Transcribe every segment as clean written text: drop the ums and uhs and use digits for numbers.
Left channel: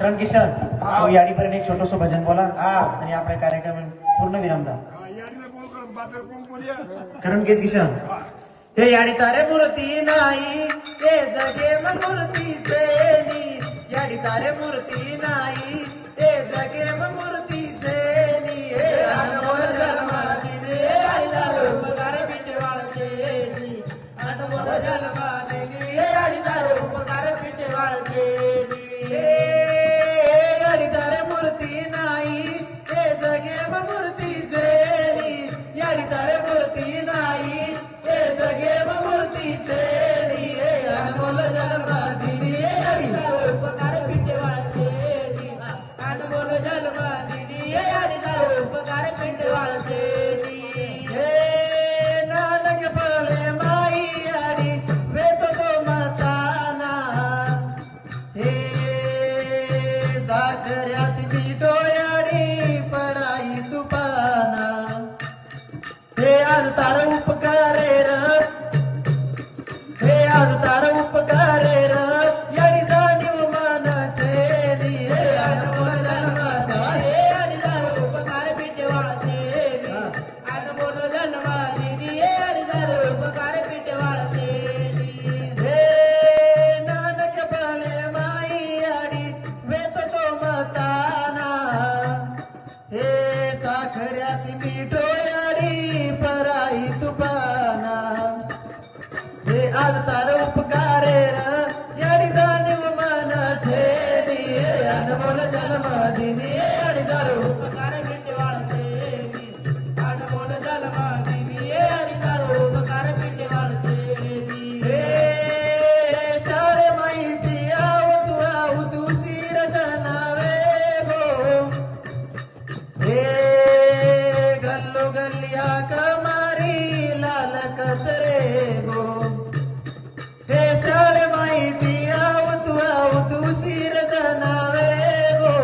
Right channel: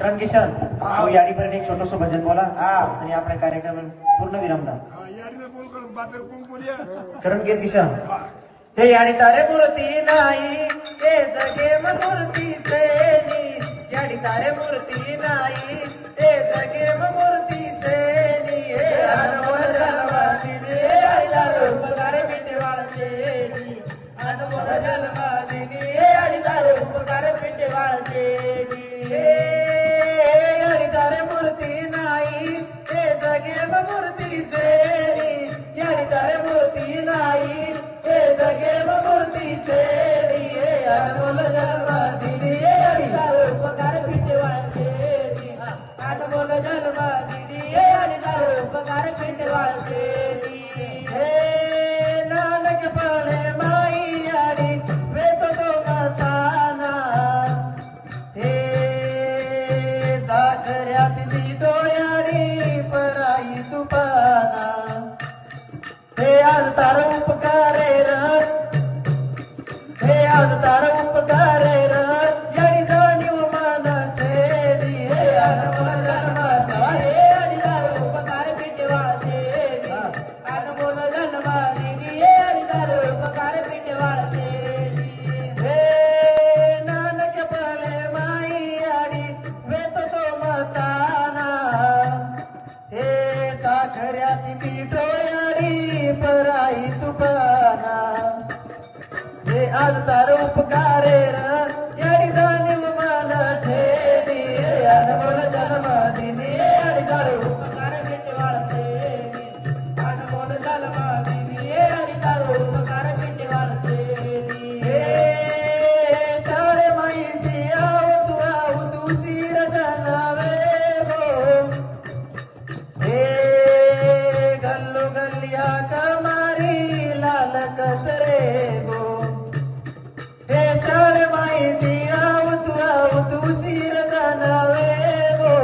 तर किशन या ठिकाणी एक छोटंसं भजन बोला आणि आपल्या कार्यक्रम पूर्ण विराम द्या. कारण की किशन हे याडी तारे मूर्ती नाही ते जगे मूर्ती सेनी याडी तारे मूर्ती नाही ते जगे मूर्ती सेनी अनमोल जलवानी याडी तारे उपकार पिटे वाळसेनी अनमोल जलवानी याडी तारे उपकार पिटे वाळसेनी याडी तारे मूर्ती नाही ते जगे मूर्ती सेनी याडी तारे मूर्ती नाही ते जगे मूर्ती सेनी अनमोल जलवानी याडी तारे उपकार पिटे वाळसेनी अनमोल जलवानी याडी तारे उपकार पिटे वाळसेनी हे नानक प्राणे माई याडी वेत तो मताना हे साखऱ्यात जी डोळ्याडी पराई तुपाना हे आज तार उपकारे राम हे आज तार उपकारे राम याडी जाणीव मानाचेनी हे अनमोल जन्माचे याडी तार उपकार पिटे वाळसेनी अनमोल जन्माची याडी तार उपकार पिटे वाळसेनी हे नानक प्राणे माई याडी वेत तो मताना हे साखऱ्यात की डोळ्याडी पराई तुपाना हे आज तार उपकारे राम याडी जाणीव मानाचेनी हे अनमोल जन्मादिनी याडी तार उपकार पिटे वाळसेनी अनमोल जन्मादिनी याडी तार उपकार पिटे वाळसेनी हे तारे माईची आवतू तीर जलावे गो हे गल्लू गल्ली हाका मारी लाल कसरे गो हे तारे माईची आवतू तीर जलावे गो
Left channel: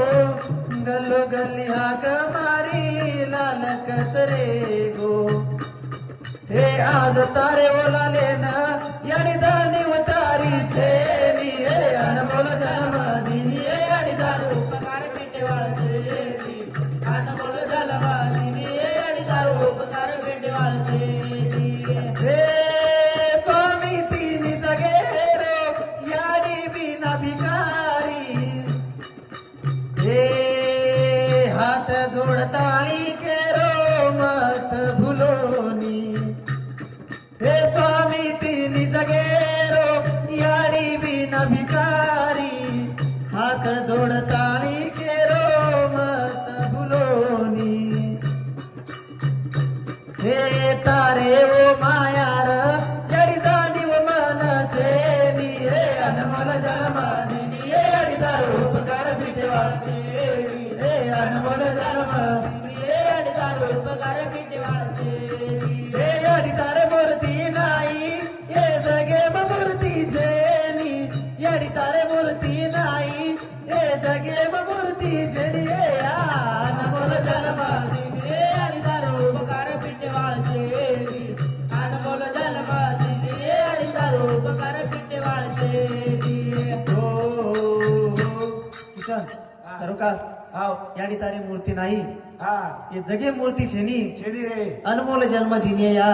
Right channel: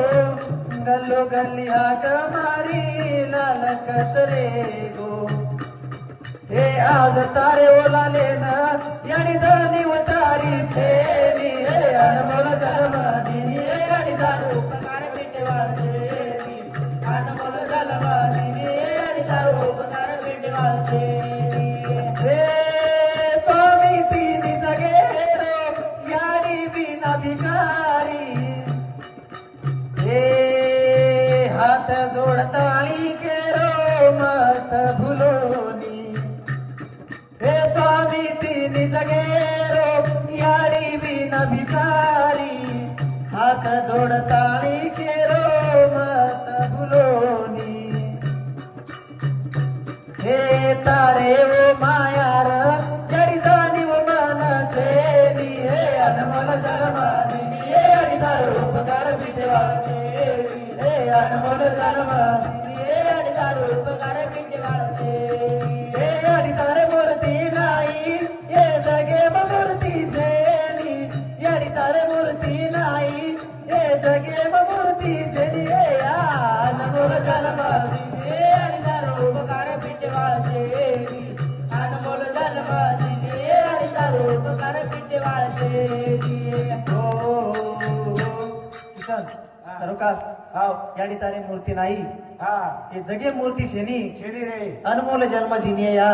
गल्लू गल्ली हाका मारी लाल कसरे गो हे आज तारे ओलाले ना याडी धरणी वतारी छेनी हे अनमोल जलवानी याडी तार उपकार पिटे वाळसेनी अनमोल जलवानी याडी तार उपकार पिटे वाळसेनी हे स्वामी तिनी जगे रो याडी बिना भिकारी हे हात जोडताळी केरो मत भुलोनी हे स्वामी तिनी जगेरो याडी बिना भिकारी हात जोडताळी केरो मत भुलोनी हे तारे वो मायार याडी जाणीव मानाचेनी हे अनमोल जलवानी याडी तार उपकार पिटे वाळसेनी हे अनमोल जलवानी याडी तार उपकार पिटे वाळसेनी हे याडी तारे मूर्ती नाही हे जगे मूर्ती सेनी याडी तारे मूर्ती नाही हे जगे मूर्ती सेनी हे अनमोल जलवानी याडी तार उपकार पिटे वाळसेनी अनमोल जलवानी याडी तार उपकार पिटे वाळसेनी किशन करुकास याडी तारे मूर्ती नाही हे जगे मूर्ती शेनी रे अनमोल जन्मदिनी या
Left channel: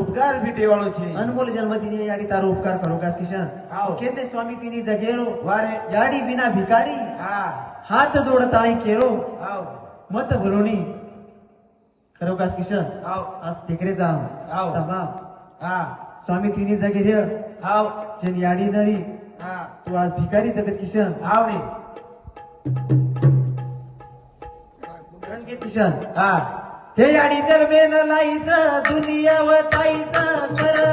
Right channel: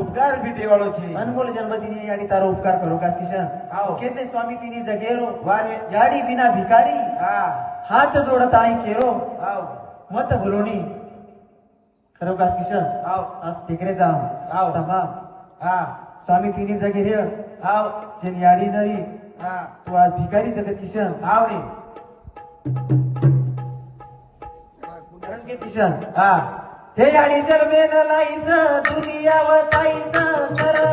उपकार पिटे वाळसेनी अनमोल जन्मदिनी याडी तारो उपकार करुकास किशन हाव. केते स्वामी तिनी जगेरो वारे याडी बिना भिकारी हात जोडताळी केरो मत भुलोनी करुकास किशन आज तिकडे जा हाव. स्वामी तिनी जगे रे जेन याडी नरी तू आज भिकारी जगत किशन रणके किशन हे याडी जर बेन लाईचं दुनिया वताईचं खरं